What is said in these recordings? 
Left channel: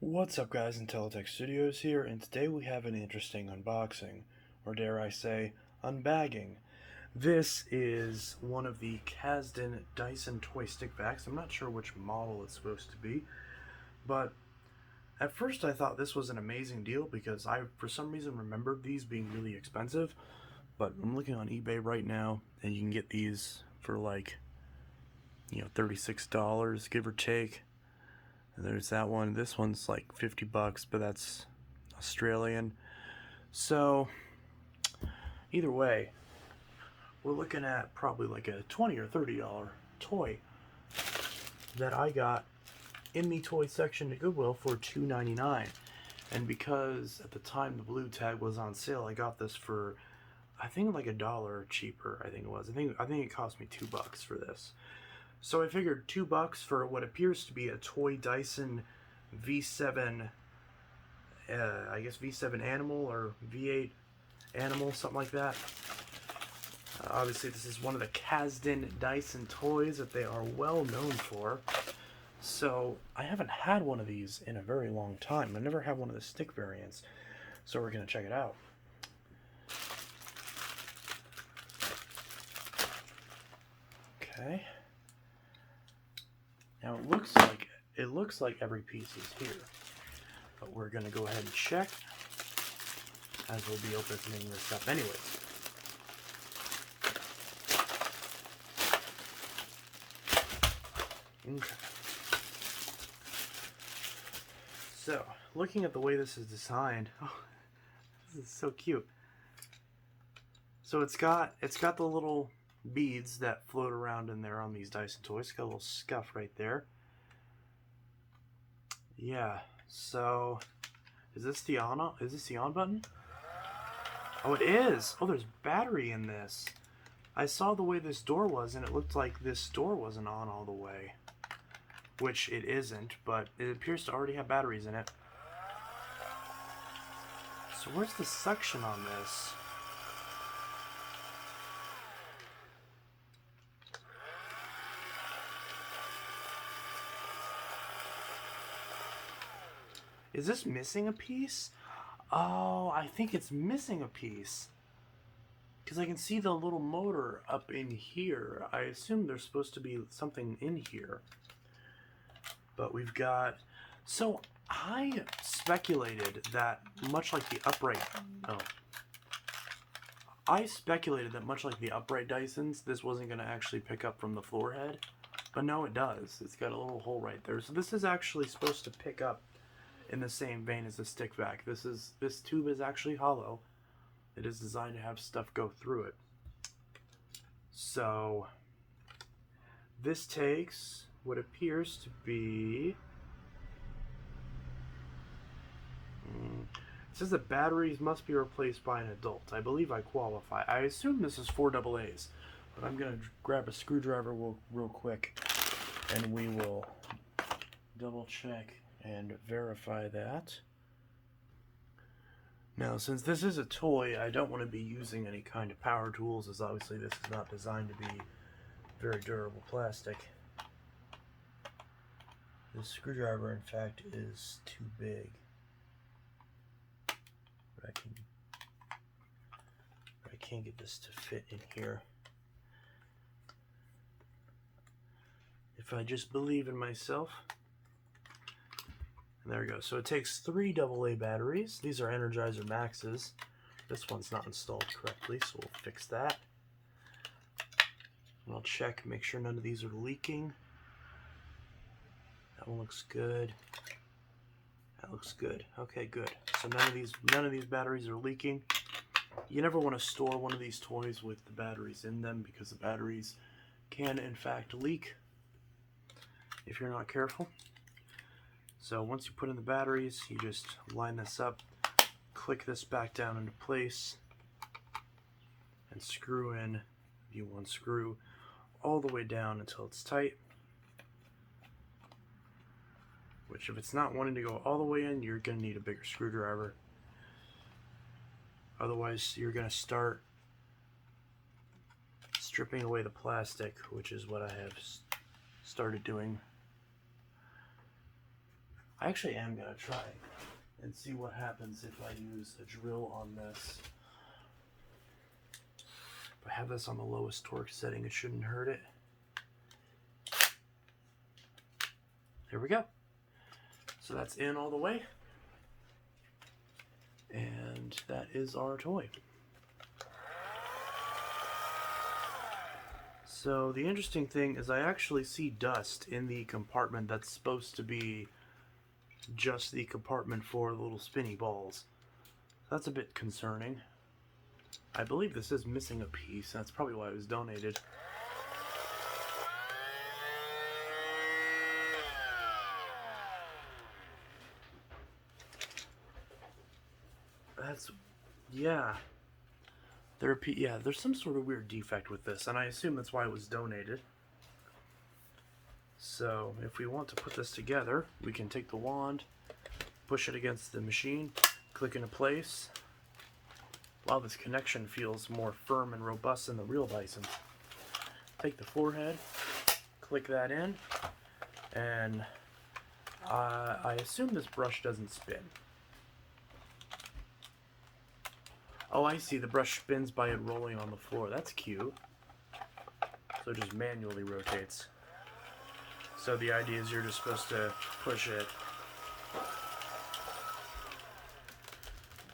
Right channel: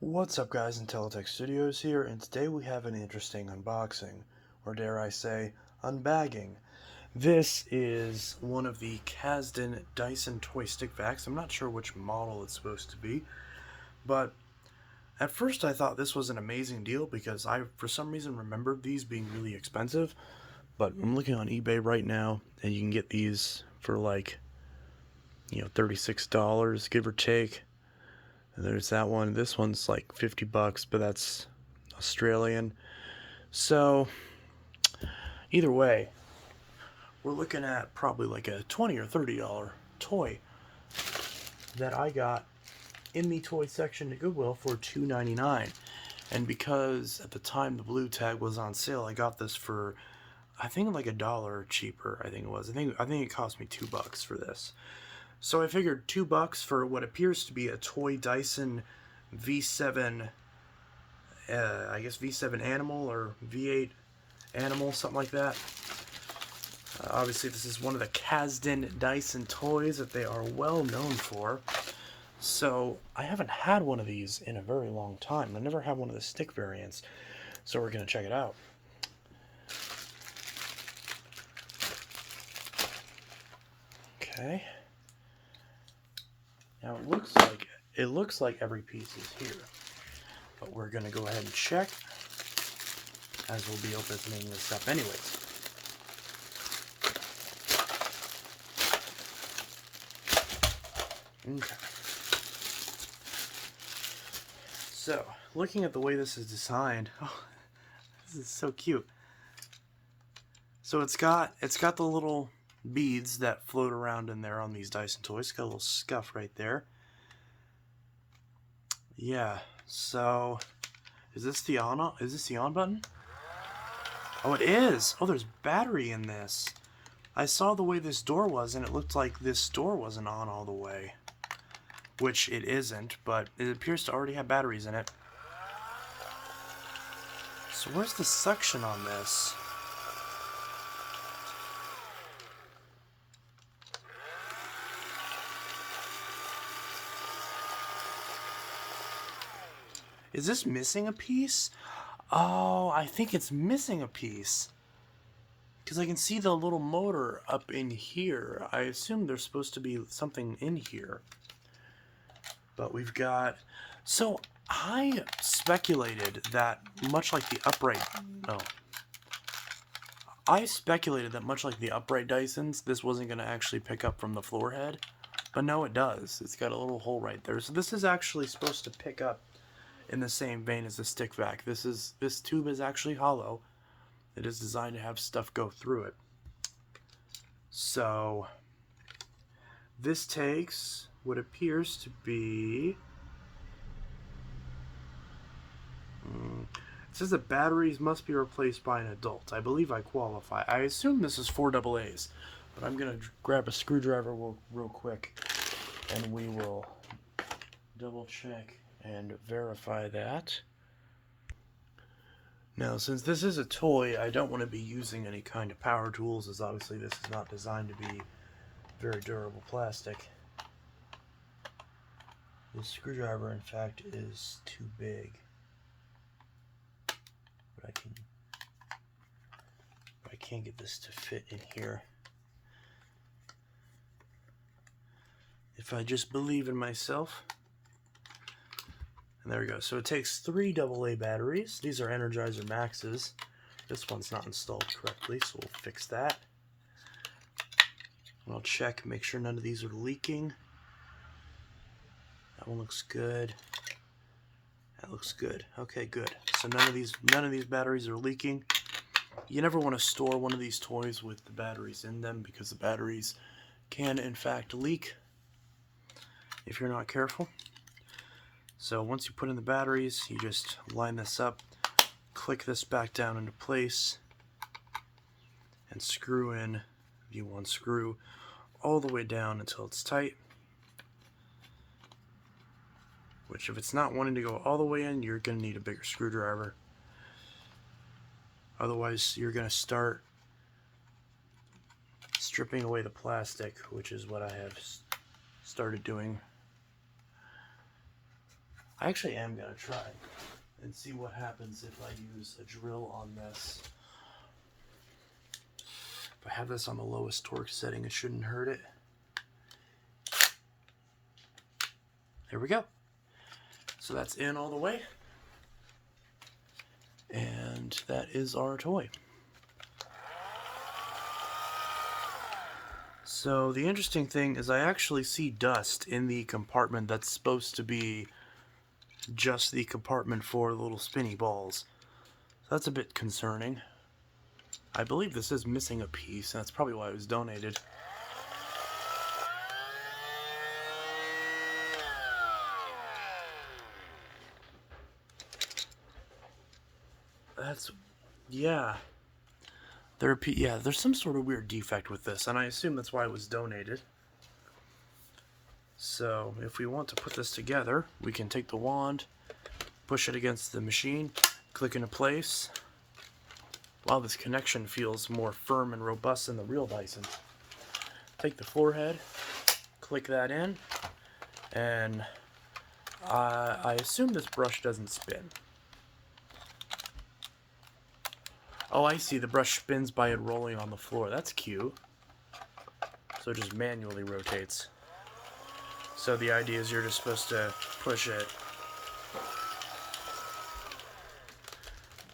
What's up guys, Intellitech Studios here, and today we have an interesting unboxing, or dare I say, unbagging. This is one of the Casdon Dyson toy stick vacs. I'm not sure which model it's supposed to be, but at first I thought this was an amazing deal because I, for some reason, remembered these being really expensive, but I'm looking on eBay right now, and you can get these for like, $36, give or take. There's that one. This one's like 50 bucks, but that's Australian. So, either way, we're looking at probably like a $20 or $30 toy that I got in the toy section at Goodwill for $2.99. And because at the time the blue tag was on sale, I got this for I think like $1 cheaper. I think it was. I think it cost me $2 for this. So I figured $2 for what appears to be a toy Dyson V7, I guess V7 Animal or V8 Animal, something like that. Obviously this is one of the Casdon Dyson toys that they are well known for. So I haven't had one of these in a very long time. I never had one of the stick variants. So we're going to check it out. Okay. Now it looks like every piece is here, but we're gonna go ahead and check as we'll be opening this up anyways. Okay. So, looking at the way this is designed, oh, this is so cute. So it's got the little beads that float around in there on these Dyson toys. It's got a little scuff right there. Yeah, so is this the on button? Oh, it is. Oh, there's battery in this. I saw the way this door was and it looked like this door wasn't on all the way, which it isn't, but it appears to already have batteries in it. So where's the suction on this? Is this missing a piece? Oh, I think it's missing a piece. Because I can see the little motor up in here. I assume there's supposed to be something in here. But we've got... So, I speculated that much like the upright... Oh. I speculated that much like the upright Dysons, this wasn't going to actually pick up from the floor head. But no, it does. It's got a little hole right there. So this is actually supposed to pick up in the same vein as the stick vac. This tube is actually hollow. It is designed to have stuff go through it. So this takes what appears to be it says that batteries must be replaced by an adult. I believe I qualify. I assume this is 4 AA's, but I'm gonna grab a screwdriver real quick and we will double check and verify that. Now, since this is a toy, I don't want to be using any kind of power tools, as obviously this is not designed to be very durable plastic. This screwdriver, in fact, is too big. But I can't get this to fit in here. If I just believe in myself. And there we go. So it takes 3 AA batteries. These are Energizer Maxes. This one's not installed correctly, so we'll fix that. And I'll check, make sure none of these are leaking. That one looks good. That looks good. Okay, good. So none of these batteries are leaking. You never want to store one of these toys with the batteries in them because the batteries can in fact leak if you're not careful. So once you put in the batteries, you just line this up, click this back down into place, and screw in the one screw all the way down until it's tight. Which, if it's not wanting to go all the way in, you're going to need a bigger screwdriver. Otherwise, you're going to start stripping away the plastic, which is what I have started doing. I actually am going to try and see what happens if I use a drill on this. If I have this on the lowest torque setting, it shouldn't hurt it. There we go. So that's in all the way. And that is our toy. So the interesting thing is I actually see dust in the compartment that's supposed to be just the compartment for the little spinny balls. So that's a bit concerning. I believe this is missing a piece. That's probably why it was donated. That's, yeah. There's some sort of weird defect with this, and I assume that's why it was donated. So if we want to put this together, we can take the wand, push it against the machine, click into place. Wow, this connection feels more firm and robust than the real Dyson. Take the forehead, click that in, and I assume this brush doesn't spin. Oh, I see. The brush spins by it rolling on the floor. That's cute. So it just manually rotates. So the idea is you're just supposed to push it.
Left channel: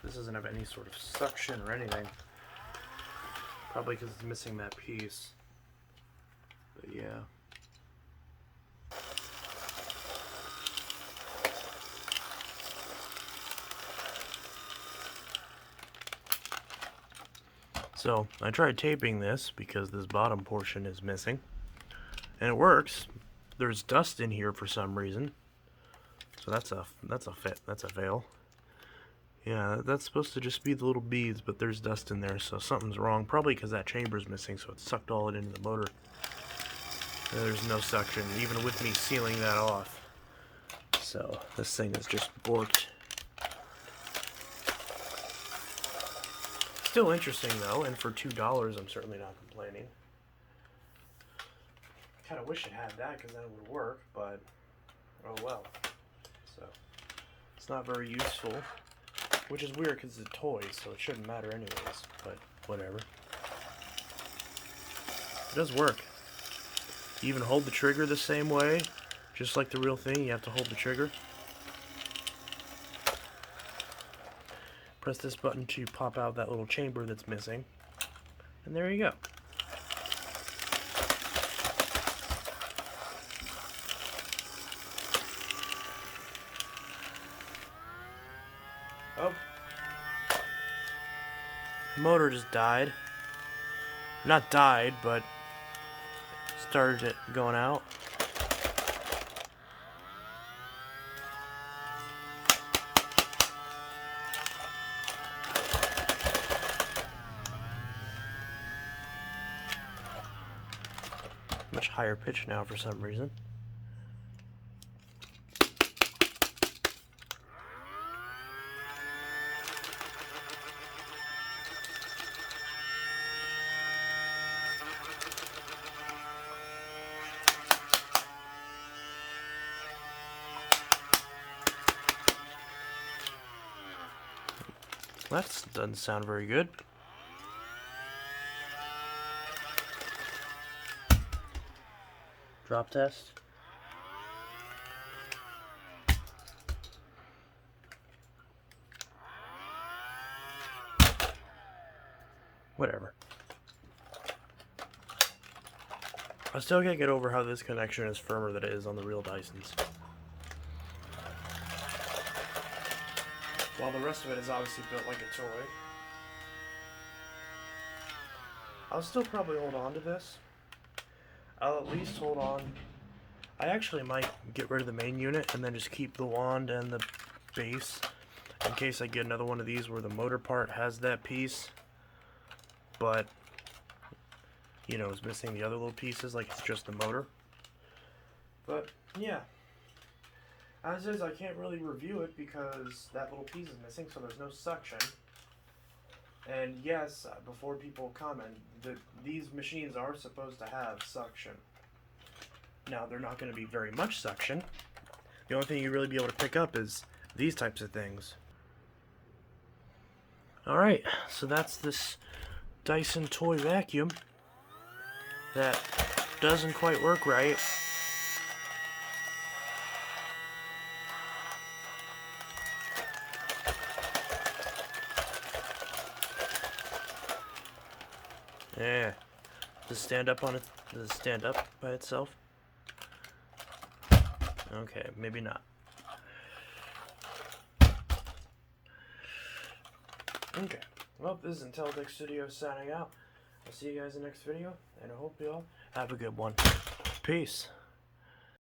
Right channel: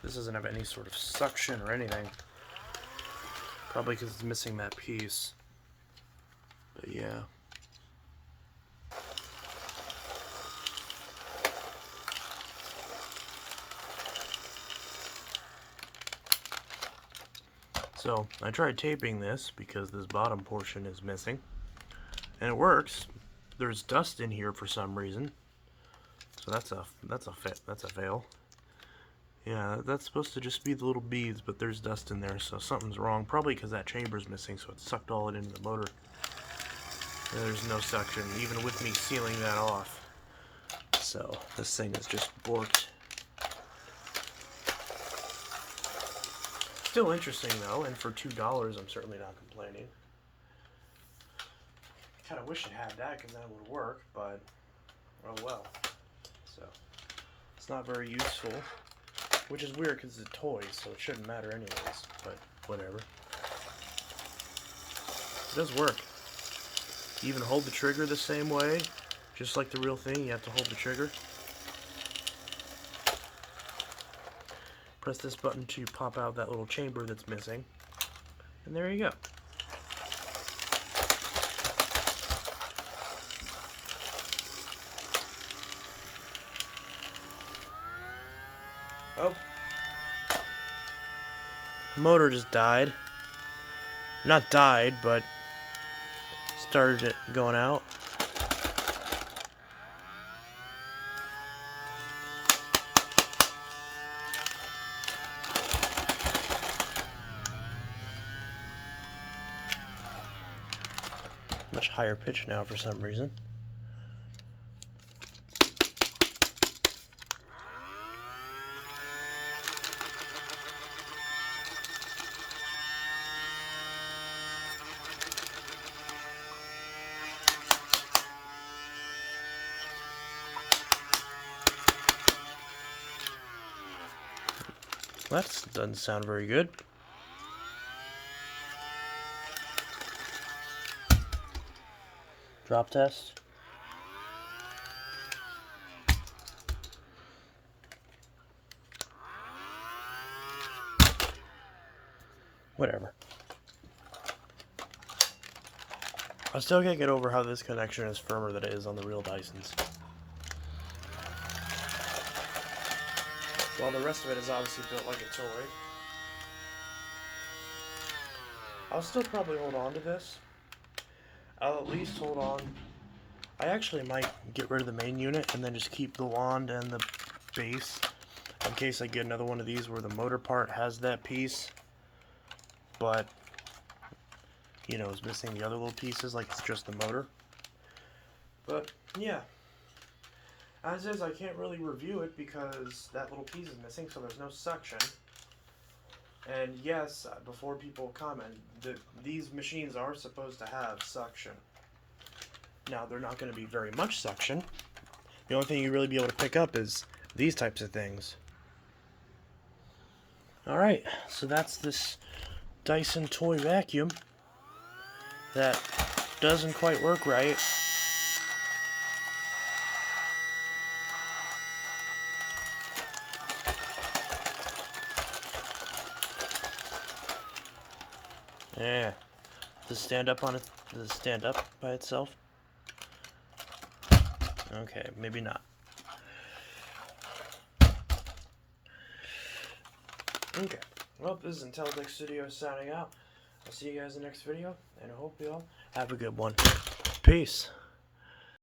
This doesn't have any sort of suction or anything. Probably because it's missing that piece. But yeah. So I tried taping this because this bottom portion is missing, and it works. There's dust in here for some reason, so that's a fail. Yeah, that's supposed to just be the little beads, but there's dust in there, so something's wrong. Probably because that chamber's missing, so it sucked all it into the motor. There's no suction, even with me sealing that off. So this thing is just borked. Still interesting though, and for $2 I'm certainly not complaining. Kind of wish it had that because then it would work, but oh well. So it's not very useful, which is weird because it's a toy, so it shouldn't matter anyways, but whatever. It does work. You even hold the trigger the same way, just like the real thing. You have to hold the trigger. Press this button to pop out that little chamber that's missing. And there you go. Oh. The motor just died. Not died, but started it going out. Much higher pitch now for some reason. That doesn't sound very good. Drop test. Whatever. I still can't get over how this connection is firmer than it is on the real Dysons. While the rest of it is obviously built like a toy. I'll still probably hold on to this. I'll at least hold on. I actually might get rid of the main unit and then just keep the wand and the base in case I get another one of these where the motor part has that piece, but you know, is missing the other little pieces, like it's just the motor. But yeah, as is, I can't really review it because that little piece is missing, so there's no suction. And yes, before people comment, these machines are supposed to have suction. Now, they're not going to be very much suction. The only thing you really be able to pick up is these types of things. Alright, so that's this Dyson toy vacuum that doesn't quite work right. Yeah. Does it stand up on it? Does it stand up by itself? Okay, maybe not. Okay. Well, this is Intellitech Studio signing out. I'll see you guys in the next video, and I hope you all have a good one. Peace.